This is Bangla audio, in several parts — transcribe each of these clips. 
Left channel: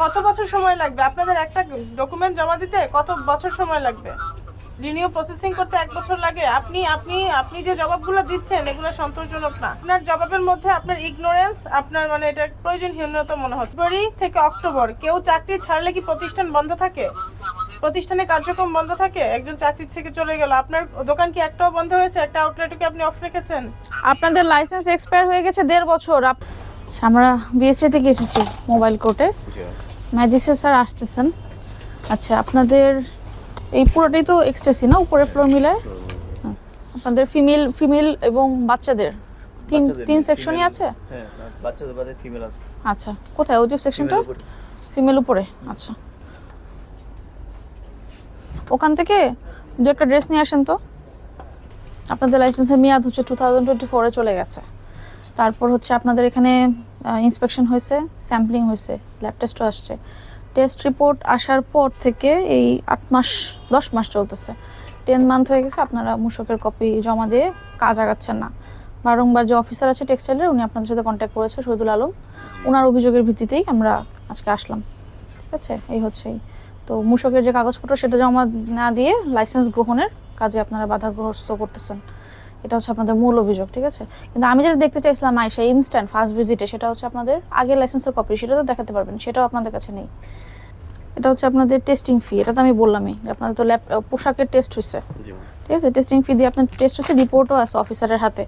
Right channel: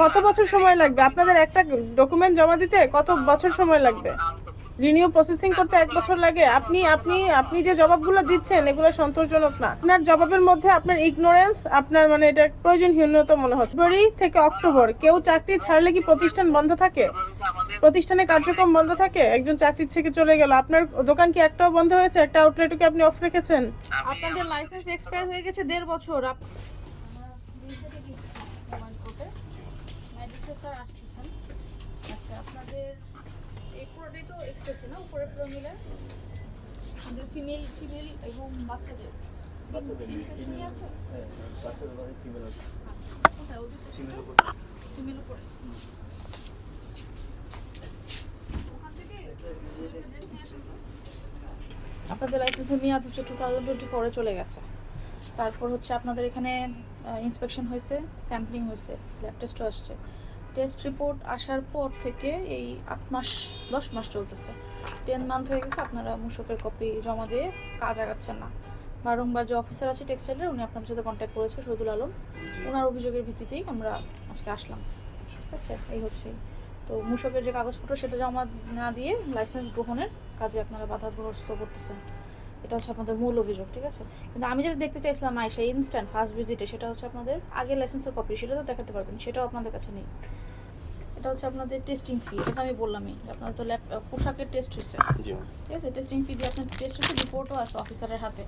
কত বছর সময় লাগবে আপনাদের একটা ডকুমেন্ট জমা দিতে কত বছর সময় লাগবে রিনিউ প্রসেসিং করতে এক বছর লাগে আপনি আপনি আপনি যে জবাবগুলো দিচ্ছেন এগুলো সন্তোষজনক না আপনার জবাবের মধ্যে আপনার ইগনোরেন্স আপনার মানে এটা প্রয়োজন হীনতা মনে হচ্ছে ফেব্রুয়ারি থেকে অক্টোবর কেউ চাকরি ছাড়লে কি প্রতিষ্ঠান বন্ধ থাকে প্রতিষ্ঠানে কার্যক্রম বন্ধ থাকে একজন চাকরির থেকে চলে গেল আপনার দোকান কি একটাও বন্ধ হয়েছে একটা আউটলেট কি আপনি অফ রেখেছেন আপনাদের লাইসেন্স এক্সপায়ার হয়ে গেছে দেড় বছর আমরা বিএসসি থেকে এসেছি মোবাইল কোর্টে ম্যাজিস্ট্রেট স্যার আসতেছেন আচ্ছা আপনাদের এই পুরোটাই তো এক্সট্রেসি না উপরে ফ্লোর মিলায় হ্যাঁ, আপনাদের ফিমেল ফিমেল এবং বাচ্চাদের তিন তিন সেকশনই আছে হ্যাঁ, হ্যাঁ, বাচ্চাদের বাদে ফিমেল আছে আচ্ছা কোথায় ওই সেকশনটা ফিমেল উপরে আচ্ছা ওখান থেকে দু একটা ড্রেস নিয়ে আসেন তো আপনাদের লাইসেন্সের মেয়াদ হচ্ছে টু থাউজেন্ড টোয়েন্টি ফোরে চলে গেছে তারপর হচ্ছে আপনাদের এখানে ইন্সপেকশন হয়েছে স্যাম্পলিং হয়েছে ল্যাব টেস্টও আসছে টেস্ট রিপোর্ট আসার পর থেকে এই আট মাস দশ মাস চলতেছে টেন মান্থ হয়ে গেছে আপনারা মূষকের কপি জমা দিয়ে কাজ আগাচ্ছেন না বারংবার যে অফিসার আছে টেক্সটাইলের উনি আপনাদের সাথে কন্ট্যাক্ট করেছে শহীদুল আলম ওনার অভিযোগের ভিত্তিতেই আমরা আজকে আসলাম ঠিক আছে এই হচ্ছে তো মূষকের যে কাগজপত্র সেটা জমা না দিয়ে লাইসেন্স গ্রহণের কাজে আপনারা বাধাগ্রস্ত করতেছেন এটা হচ্ছে আপনাদের মূল অভিযোগ ঠিক আছে কিন্তু আমি যেটা দেখতে চাইছিলাম আয়সা ইনস্ট্যান্ট ফার্স্ট ভিজিটে সেটা হচ্ছে আপনাদের আগে লাইসেন্সের কপি সেটা তো দেখাতে পারবেন সেটাও আপনাদের কাছে নেই এটা হচ্ছে আপনাদের টেস্টিং ফি এটা তো আমি বললামই আপনাদের তো ল্যাব পোশাকের টেস্ট হচ্ছে ঠিক আছে টেস্টিং ফি দিয়ে আপনার টেস্ট হচ্ছে রিপোর্টও আছে অফিসারের হাতে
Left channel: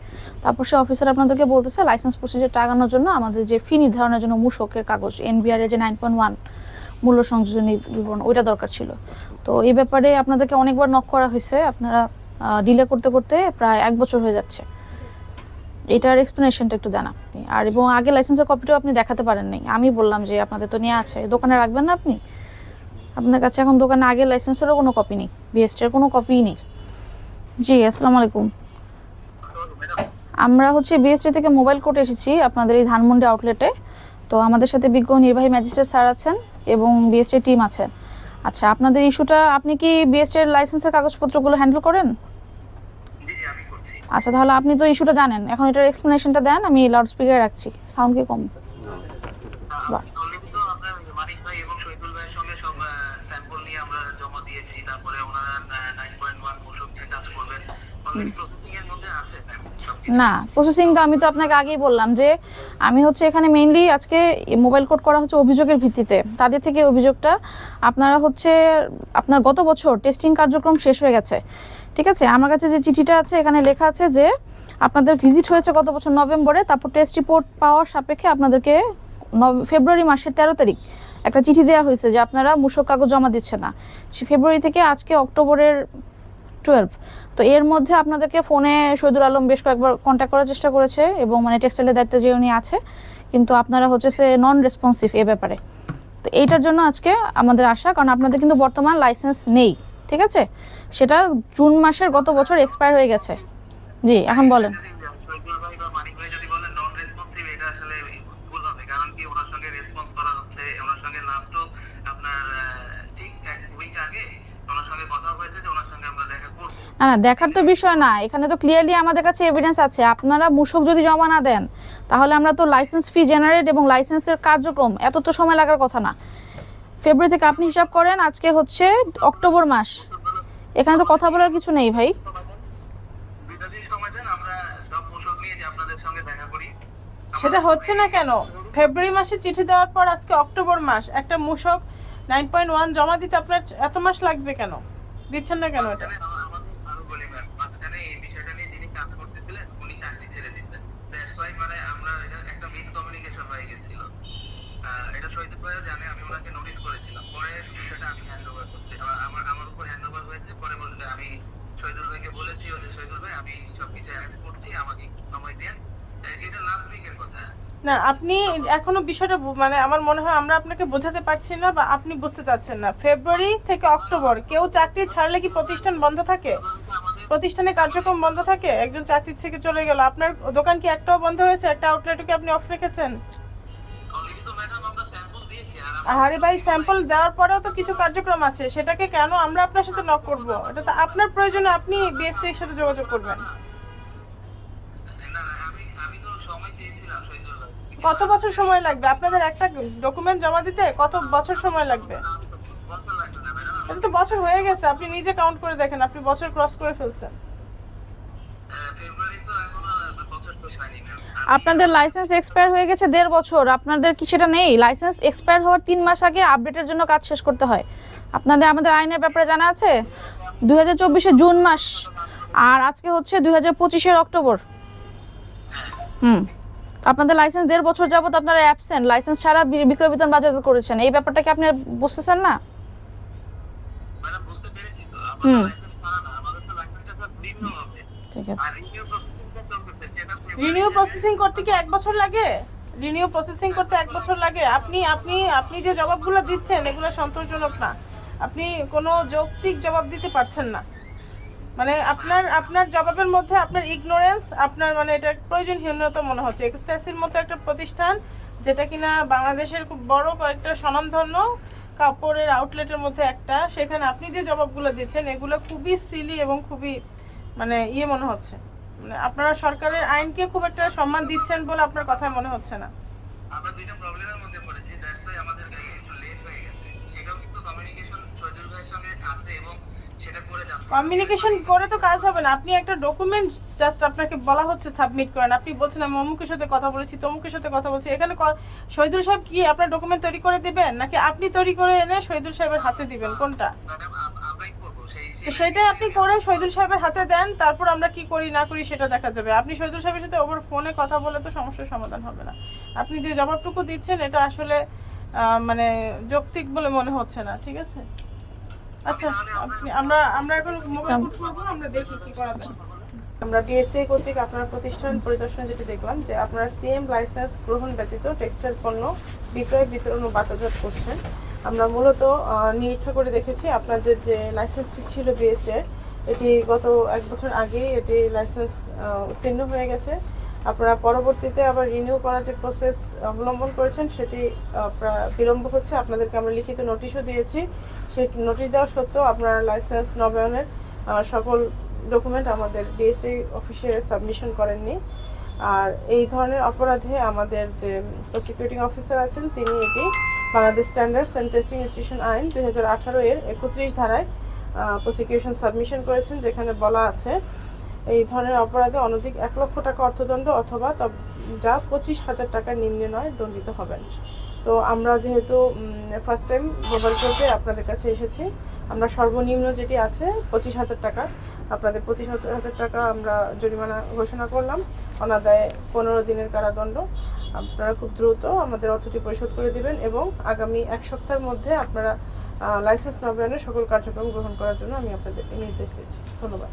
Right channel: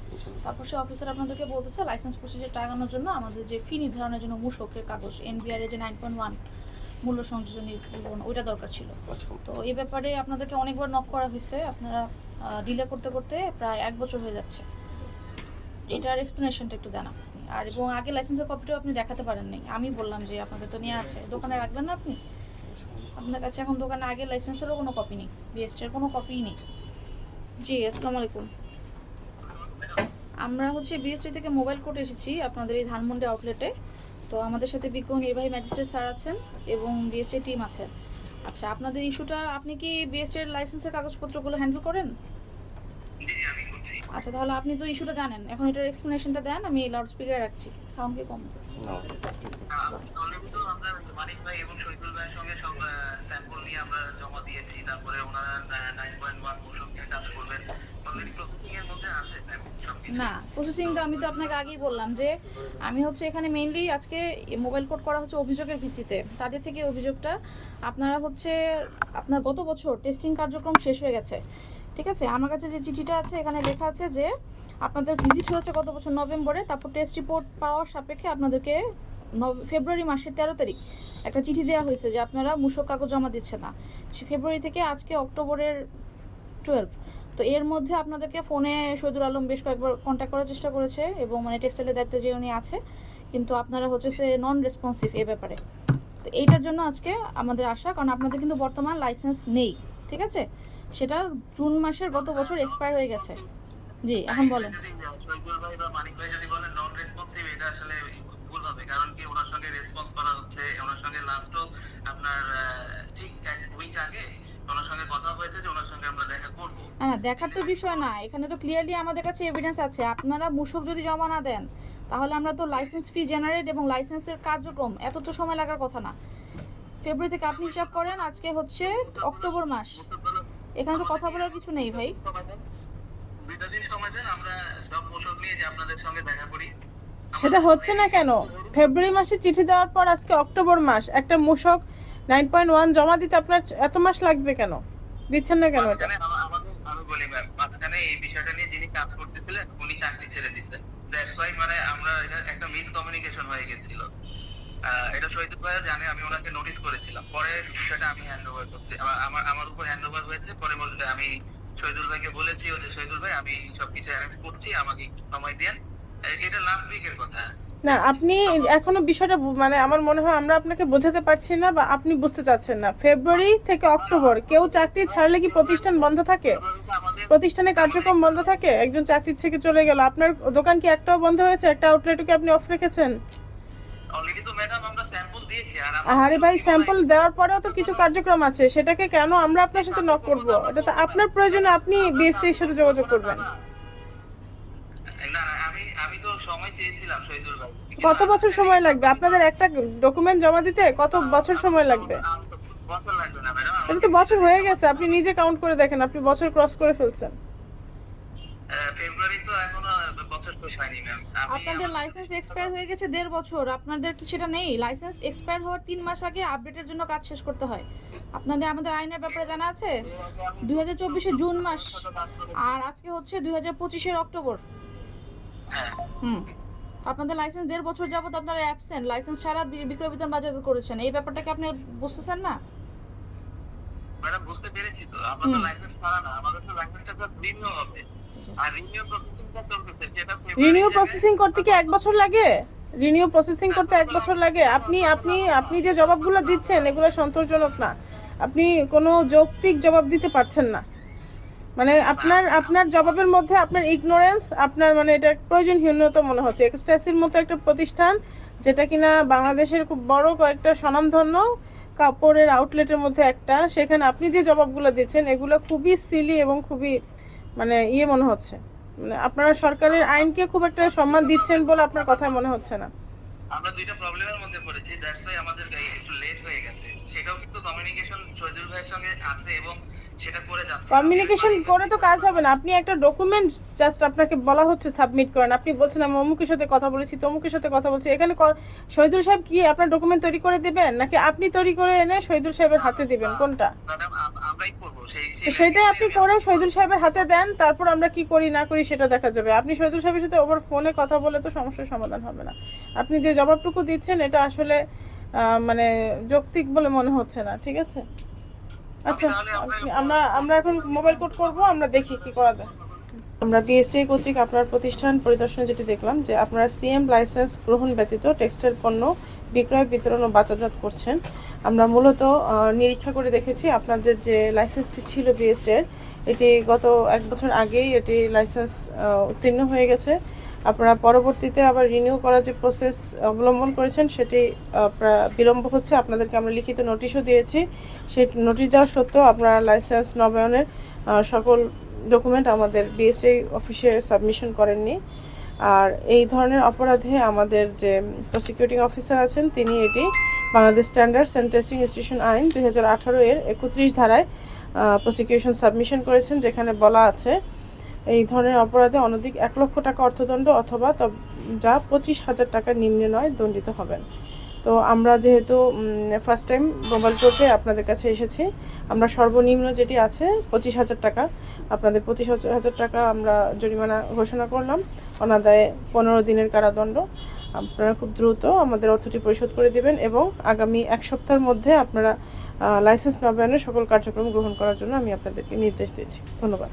তারপর সে অফিসার আপনাদেরকে বলতেছে লাইসেন্স প্রসিজার টাকানোর জন্য আমাদের যে ফি নির্ধারণের জন্য মূসকের কাগজ এনবিআর যে নাইন পয়েন্ট ওয়ান মূল্য সংযোজনী বিবরণ ওইটা দরকার ছিল আচ্ছা। তো এই ব্যাপারে আপনাদেরকে অনেকবার নক করা হয়েছে আপনারা ডিলে করতে করতে প্রায় এক বছর হয়ে যাচ্ছে এটার এক্সপ্লেনেশনটা একটু দেন আপনি আর এবং আগে লাইসেন্সের কপিটাও আপনি দেখাতে পারেন নাই আমি বললাম যে আপনাদের তো নিয়ে আছে দোকানে রাখবেন না আপনি আপনার কাছে এখন দোকানে আগে লাইসেন্সেরও কোনো কপি নেই বিএসটির কোনো কপি নেই জি আসসালামু আলাইকুম আমরা হচ্ছে বিএসটি থেকে মোবাইল কোর্টে এসেছি আপনাদের এই ধানমন্ডি আউটলেটে তো আমাদের সাথে বিজ্ঞ নির্বাহী ম্যাজিস্ট্রেট স্যার আছেন এবং বিএসটি টিম আছেন আচ্ছা আপনাদের ইস্যুটা আপনি কি বিএসটির লাইসেন্সের কাগজপত্রগুলো হ্যান্ডেল করেন আচ্ছা তাহলে আপনি তো ইস্যুটা জানেন এখন এটার এক্সপ্লেনেশনটা দেন আমি লাউড স্পিকারে রাখছি সাউন্ডকে কম না প্রসেসিং তো আমি তো আপনাকে আগেই বললাম যে আমি হচ্ছে এখানে মেইনলি আজকে মোবাইল কোড করা হচ্ছে অভিযোগের ভিত্তিতে তাদের থেকে অভিযোগটা আপনারা হচ্ছে আপনার গত বছর টেস্টিং কার্যক্রম শেষ হয়ে গেছে ঠিক আছে আমার কাছে যে চিঠিটা আছে এখানে লেখা আছে যে আপনাদের ভিজিট হয়েছে গত বছর নভেম্বরে তারপর টেস্ট রিপোর্ট পাওয়ার সাপেক্ষে আপনাদেরকে ফেব্রুয়ারি মাসের তেরো তারিখ একটা চিঠি দেওয়া হয়েছে যে আপনারা মূসক কাগজ জমা দিচ্ছে না সে ফেব্রুয়ারি থেকে আজকে অক্টোবরের টুয়েলভ তো এর মধ্যে আপনাদেরকে ফোনে শহীদুল আলম বেশ কয়েকবার কন্ট্যাক্ট করার চেষ্টা করেছে এবং মানে টেক্সটাইলের দায়িত্বে যে উনি আছে কিন্তু আপনারা হচ্ছে সে নন রেসপন্সিভ এ ব্যাপারে তো এইটার জন্য আজকে আমাদের আশা কারণ আপনাদের কিন্তু বর্তমান লাইসেন্স নেই ঠিক আছে সেটা জুন মাসের গত বছর এক্সপায়ার হয়ে গেছে জি এখন বলেন না না দেখার তো বিষয় না এখানে তো ক্লিয়ারলি আমাদের কাছে এভিডেন্স আছে আপনারা মূসক যদি জমা না দেন তাহলে আমরা তো লাইসেন্স ফি জেনারেট এবং লাইসেন্সের কার্যক্রম এত তো সময় লাগার কথা না ফেব্রুয়ারি থেকে আপনি হিসাব করেন আজকে হচ্ছে অক্টোবর মাস এখানে তো কথা বলার কিছু নেই ভাই সেটা হচ্ছে না কেন ফেব্রুয়ারি মাসে চিঠি দেওয়ার পর আজকে অক্টোবর মাস একটা মূষক নাইন পয়েন্ট ওয়ান জমা দিতে আপনার এত মাস লাগবে কেন দিচ্ছেন না কেন এই বিষয়টা নিয়ে যিনি কাজ করতেছিলেন উনি চাকরি ছেড়ে দিচ্ছেন দ্যাটস ওয়াই মানে আমরা একটা মিসকমিউনিকেশন হয়ে গেছিল এটা শহীদুল ভাইয়া জানে আমি ওনাকে নোটিশ করেছিলাম পরে সেটা আমি হ্যান্ড ওভার করতে আমার আমার উপর হ্যান্ড ওভার হয়েছে পরে বলতে আমি শহীদুল ভাইকে বলেছি যে শহীদুল ভাই আমি সবকিছু অ্যারেঞ্জ করছি আমাকে সময় দেন এটা লাস্ট উইকের কথা না আপনি এখনো বিষয়টা মানে আমার মনে হয় আমরা আপনাকে বোঝাতে পারছি না বা আপনি বুঝতে চাচ্ছেন না ফেব্রুয়ারি থেকে অক্টোবর কেউ চাকরি ছাড়লে কি প্রতিষ্ঠান বন্ধ থাকে প্রতিষ্ঠানে কার্যক্রম বন্ধ থাকে একজন চাকরি থেকে চলে গেল আপনার দোকান কি একটাও বন্ধ হয়েছে একটা আউটলেটও কি আপনি অফ রেখেছেন আরে ভাই স্যাম্পল দেওয়ার পরেও তো কিছু কার্যক্রম আছে সেটাকে কেন আমরা আপনার সাথে নক করবো এটা তো আপনার প্রয়োজনে আপনি বিএসটি এর সাথে যোগাযোগ করবেন কত বছর সময় লাগবে আপনাদের একটা ডকুমেন্ট জমা দিতে কত বছর সময় লাগবে এটা তো বছর হয়ে গেছে আপনি নিজে কাউন্ট করে দেখেন আপনি বছর ক্রস করে ফেলছেন ফেব্রুয়ারি তো এখন আপনাদের লাইসেন্স এক্সপায়ার হয়ে গেছে দেড় বছর আপনাদের কি সেটা নেই লাইসেন্স এক্সপায়ার হওয়ার তিন মাস আগে আপডেটের জন্য কাজ শেষ করতে হয় আপনাদের আমাদের আইনের ব্যাপারে জানা আছে দু হাজার জুন মাস আর আজকে হচ্ছে দুই হাজার পঁচিশের অক্টোবর হুম আপনাদের লাইসেন্স দেড় বছর যাবত আপনারা অ্যাবসেন্ট লাইসেন্স ছাড়া বিক্রয় বিতরণ বাজার করেছেন এই ব্যাপারটা কি আপনি বুঝতেছেন না বুঝতে পেরেছি তো আমাদের লাইসেন্স ছাড়া না আমাদের লাইসেন্সটা ভিন্ন হবে ঠিক আছে রিনিউ প্রসেসিং করতে কি এক বছর লাগে রিনিউ প্রসেসিং করতে এক বছর লাগে আপনি আপনি আপনি যে জবাবগুলো দিচ্ছেন এগুলো সন্তোষজনক না আপনি কোনো যৌক্তিক জবাব দিতে পারছেন না মানে আপনার আপনার জবাবের মধ্যে আপনার ইগনোরেন্স আপনার মানে এটা প্রয়োজনহীনতা মনে হচ্ছে এক্সট্রাসির মতো একটা প্রতিষ্ঠান যেটা কিনা বাংলাদেশের খুব বড় কয়েকটা স্বনামধন্য কাপড়ের আউটলেটের মধ্যে একটা সেখানে আপনি যে জবাবগুলো দিচ্ছেন এগুলো খুবই সিলি এবং খুবই মানে ইয়ে মনে হচ্ছে আপনারা সরকারের আইনকে খুব একটা সম্মান দিচ্ছেন বলে আপনার কথা মনে হচ্ছে না আমরা দুইটা প্রবলেমের মধ্যে পড়েছি দ্যাটস ওয়াই আমাদের একটু লেট হয়ে গেছে সেটাও কিন্তু কমিউনিকেশন ভাইয়ের সঙ্গে আছে এবং সেটা করে যাচ্ছে কমিউনিকেশন করে তো কাজ হবে না আপনি একটা ডকুমেন্ট জাস্ট আপনাকে বলা হচ্ছে সাবমিট করেন আপনি বলছেন আমি অমুকের সাথে কথা বলেছি তমুকের সাথে কথা বলছি এখানে সৈদুল সাহেব কি আপনার ডকুমেন্ট তৈরি করে দেবেন নাকি আপনি তৈরি করে এনে শহীদুল সাহেবের হাতে দিবেন কোনটা ম্যাডাম আমরাই সেটা আপনি করে শহীদুল সাহেবের হাতে দেন তারপর আমরা কি করি না করি সেটা দেখা যাবে আপনি শহীদুল সাহেবের সাথে ওভার ফোনে কথা বলে তো সমস্যার সমাধান হবে না আপনি যে জবাবটুকু দিচ্ছেন এটা আসলে মানে যৌক্তিক বলে মনে হচ্ছে না ঠিক আছে আচ্ছা আমরা আমরা এখন মোবাইল কোড করব আমরা দেখি কি করা যায় আমরা বিএসটি কর্তৃক আপনার প্রতিষ্ঠান পরিদর্শন যেটি দেখলাম যে আপনারা সিএম লাইসেন্স গ্রহণ ব্যতীত টেক্সটাইল পণ্য বিক্রয় বিতরণ ও বাজারজাত করছেন আমরা মূলত নিরীক্ষা করে দেখেছি আপনাদের যে লাইসেন্সটি ছিল বিএসটের এটি গত এক বছর আগেই এটি লাইসেন্স উত্তীর্ণ হয়ে গেছে আপনারা পরবর্তীতে আবার রিনিউ করার যে প্রসেস অবলম্বন করেছেন সেটি বিলম্ব হচ্ছে আপনাদেরকে আমরা লিখিত নোটিশও দিয়েছি সেই নোটিশ দেওয়া সত্ত্বেও আপনারা লাইসেন্স নবায়নের সকল ডকুমেন্ট আমাদের বিএসসি অফিসে সাবমিশন করেননি আর এই ধরনের অপরাধে আমাদের যে প্রসিকিউটিং অফিসার আছেন তিনি এটি বাংলাদেশ স্ট্যান্ডার্ড সেন্টেসিং ইনস্টিটিউশন আইন দুই এর একত্রিশ ধারায় প্রসিকিউশন সাবমিশন করেছেন যেখানে বলা আছে এই ধরনের অপরাধে অনধিক এক লক্ষ টাকা অর্থদণ্ড অথবা যা পঁচিশ হাজার টাকার নিম্নে নয় দণ্ডিত হবেন তো আমরা যেহেতু ফার্স্ট টাইম মোবাইল কোর্টে আপনাদের কাছে এসেছি আমরা সর্বনিম্ন যেটি আছে পঁচিশ হাজার টাকা আপনাদের পঁচিশ হাজার টাকা আমরা জরিমানা ঘোষণা করলাম অনাদায়ে পনেরো দিনের কারাদণ্ড আপনারা খুব দ্রুত আমাদের অর্থটি পরিশোধ করে দিবেন এবং আগামী এক সপ্তাহের মধ্যে আপনারা লাইসেন্স নবায়নের সকল কার্যক্রম গ্রহণ করার জন্য আমি আপনাদেরকে নির্দেশ দিচ্ছি ধন্যবাদ